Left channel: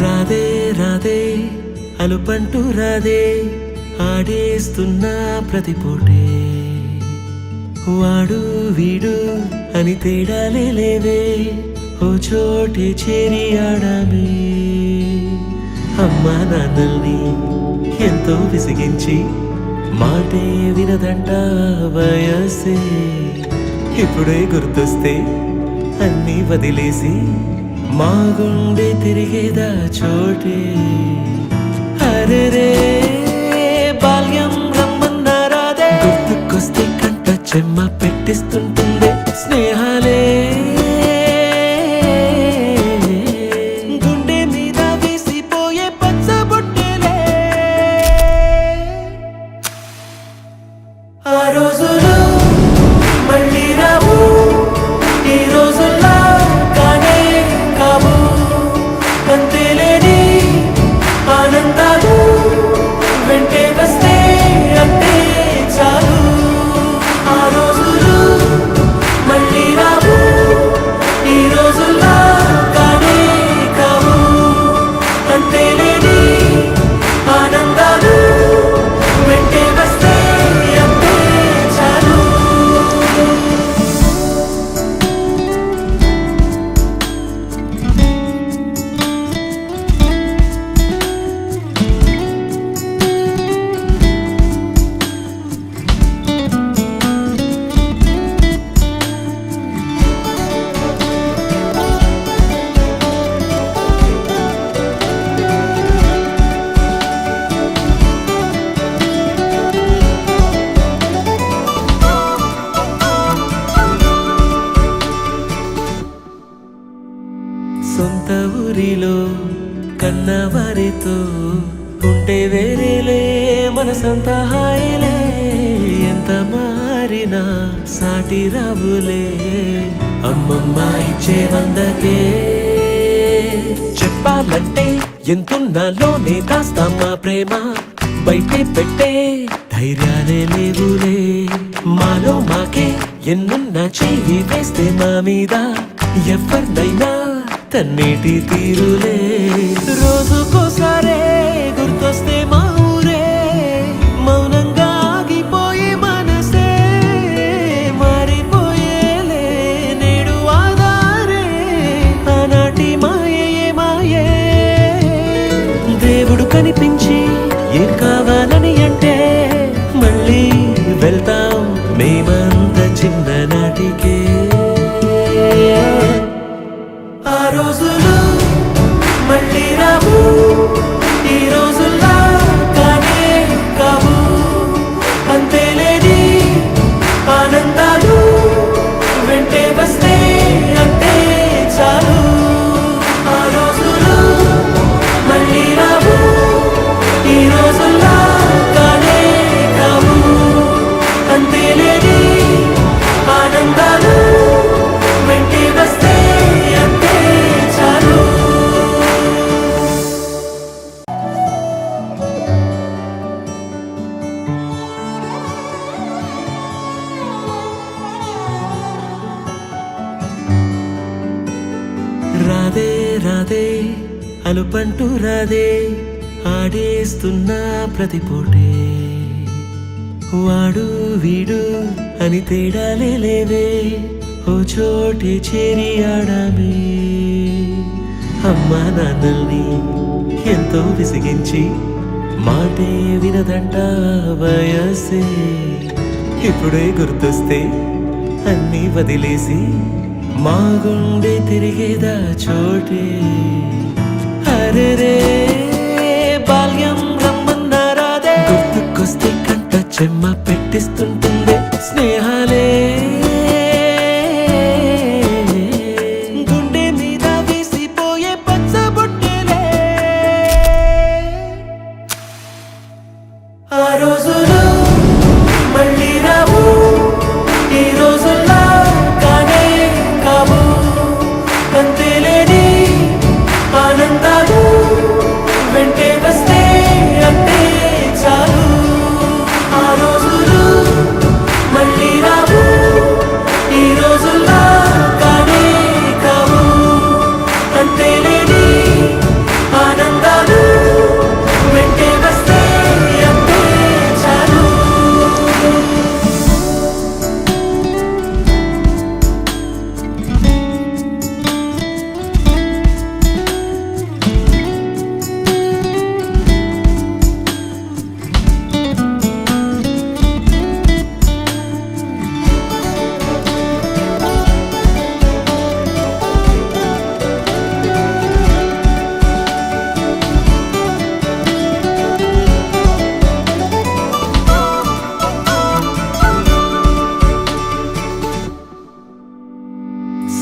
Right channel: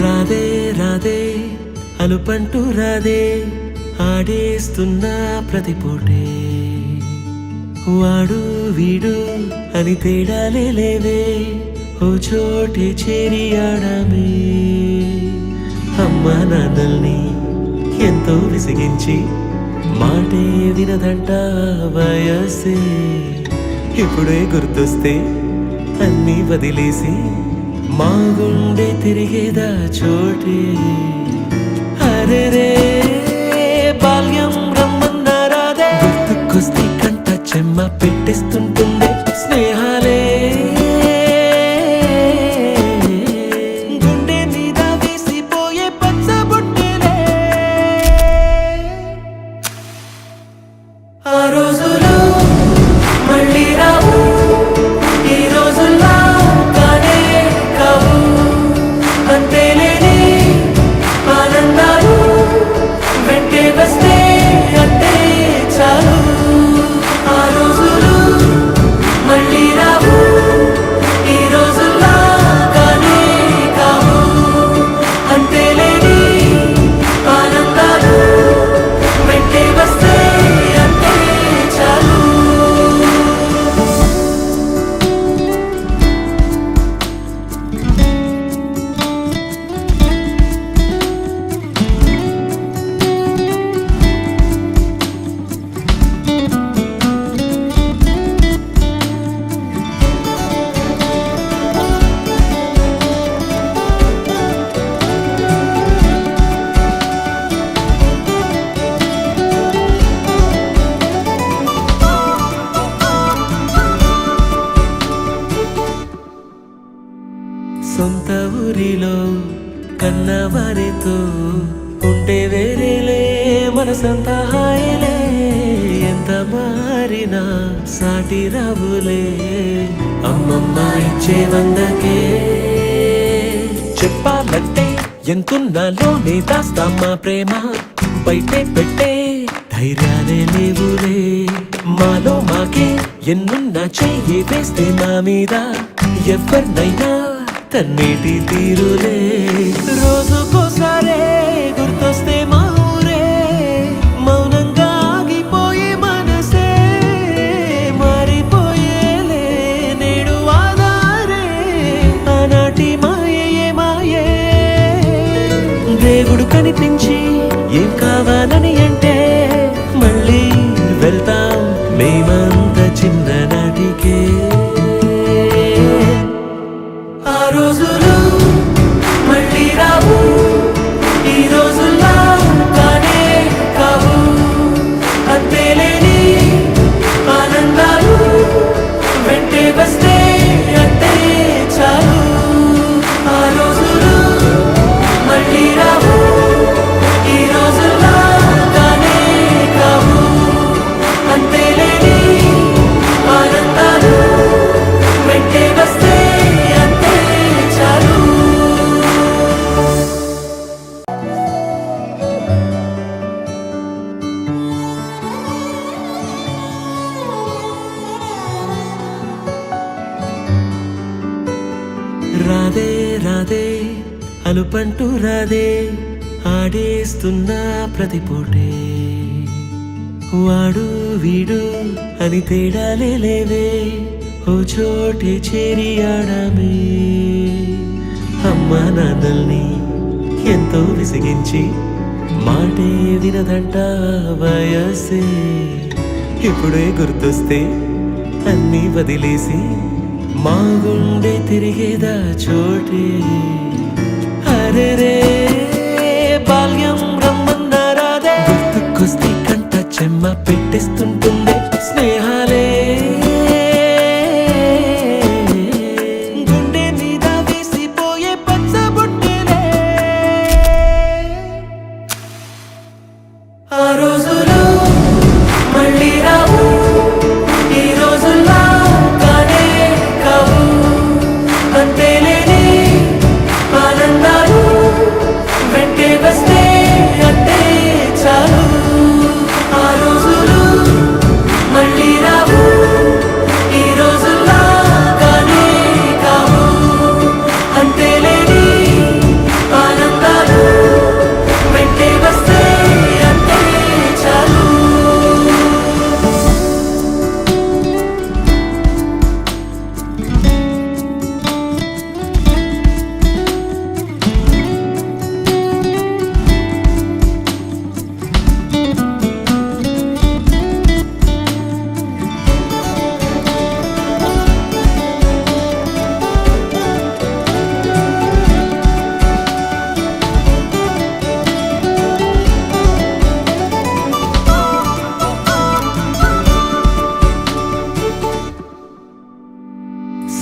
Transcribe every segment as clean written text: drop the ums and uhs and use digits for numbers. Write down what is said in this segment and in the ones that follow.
రాధే రాధే అలుపంటూ రాధే ఆడేస్తున్నా ప్రతిపోటే వాడు వీడు అని తేడాలే లేవే ఓ చోటే చేరి ఆడామే అమ్మా నాన్నల్ని ఎంతో విసిగించి మాటే వినదంట వయసే ఇప్పుడే గుర్తొస్తే అన్నీ వదిలేసి మా గుండె తిరిగేదా చోటే అరెరే బాల్యం రమ్మన్నారాదే గుర్తుకొస్తే కంట చెమ్మ పెట్టిస్తుంటుందే స్నేహాలే గుండె మీద వేసిపోయే పచ్చబొట్టెలే ఆ రోజులు మళ్ళీ రావు ఈ రోజుల్లా కానే కావు అంతేలేని ఆనందాలు వెంటే వస్తే అంటే చాలు ఆ రోజులు మళ్ళీ రావు ఈ రోజుల్లా కానే కావు అంతేలేని ఆనందాలు వెంటే వస్తే అంటే చాలు సొంత ఊరిలో కన్నవారితో ఉంటే వేరేలే మనసంత హాయిలే ఎంత మారినా సాటి రావులే అమ్మమ్మ ఇచ్చే వందకే చెప్పాలంటే ఎంతున్నాలోనే దాస్తామా ప్రేమ బయటే పెట్టే ధైర్యాలే లేవులే మాలో మాకే ఎన్నున్నా చెయ్యి వేస్తే మా మీద ఎవరినైనా తన్నేటి తీరులే రోజుకోసారే గుర్తొస్తే మా ఊరే మౌనంగా ఆగిపోయే మనసే మారిపోయేలే నేడు ఆధారే ఆనాటి మాయే మాయే దేవుడు కనిపించి ఏం కావాలని అంటే మళ్ళీ వెళ్తాం మేమంత చిన్ననాటికే ఆ రోజులు మళ్ళీ రావు ఈ రోజుల్లా కానే కావు అంతేలేని ఆనందాలు వెంటే వస్తే అంటే చాలు ఆ రోజులు మళ్ళీ రావు ఈ రోజుల్లా కానే కావు అంతేలేని ఆనందాలు వెంటే వస్తే రాధే రాధే అలుపంటూ రాధే ఆడేస్తున్నా ప్రతిపోటే వాడు వీడు అని తేడాలే లేవే ఓ చోటే చేరి ఆడామే అమ్మా నాన్నల్ని ఎంతో విసిగించి మాటే వినదంట వయసే ఇప్పుడే గుర్తొస్తే అన్నీ వదిలేసి మా గుండె తిరిగేదా చోటే అరెరే బాల్యం రమ్మన్నారాదే గుర్తుకొస్తే కంట చెమ్మ పెట్టిస్తుంటుందే స్నేహాలే గుండె మీద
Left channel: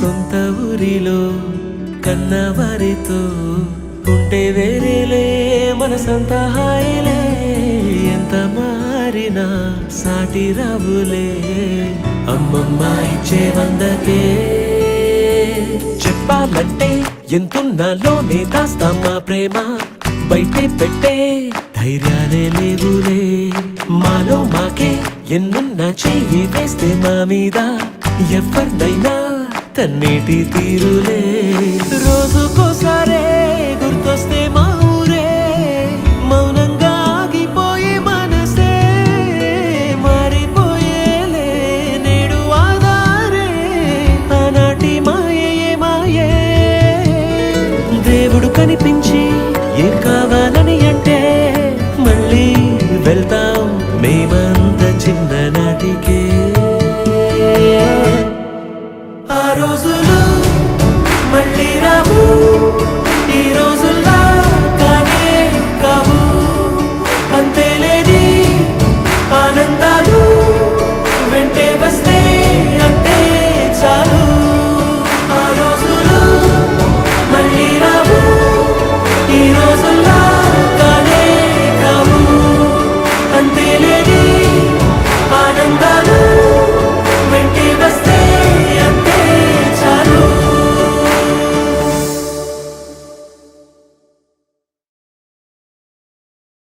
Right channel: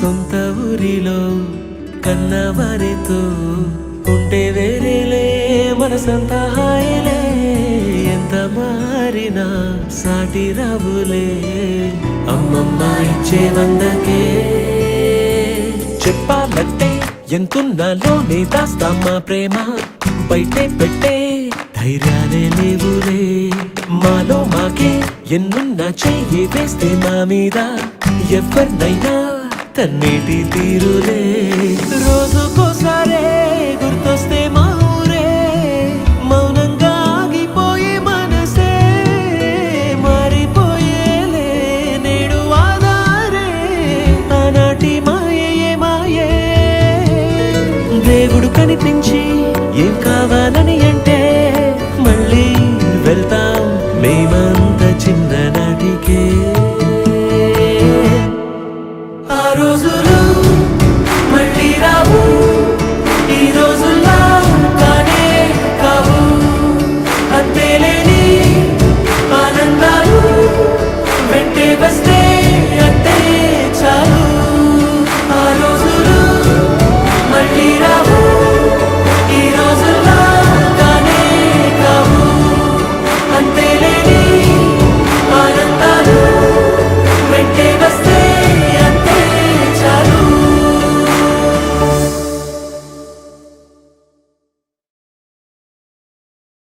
సొంత ఊరిలో కన్నవారితో ఉంటే వేరేలే మనసంత హాయిలే. ఎంత మారినా సాటి రావులే అమ్మమ్మ ఇచ్చే వందకే. చెప్పాలంటే ఎంతున్నాలోనే దాస్తామా ప్రేమ, బయటే పెట్టే ధైర్యాలే లేవులే. మాలో మాకే ఎన్నున్నా చెయ్యి వేస్తే మా మీద ఎవరినైనా తన్నేటి తీరులే. రోజుకోసారే గుర్తొస్తే మా ఊరే, మౌనంగా ఆగిపోయే మనసే మారిపోయేలే నేడు ఆధారే. ఆనాటి మాయే మాయే దేవుడు కనిపించి ఏం కావాలని అంటే మళ్ళీ వెళ్తాం మేమంత చిన్ననాటికే. ఆ రోజులు మళ్ళీ రావు.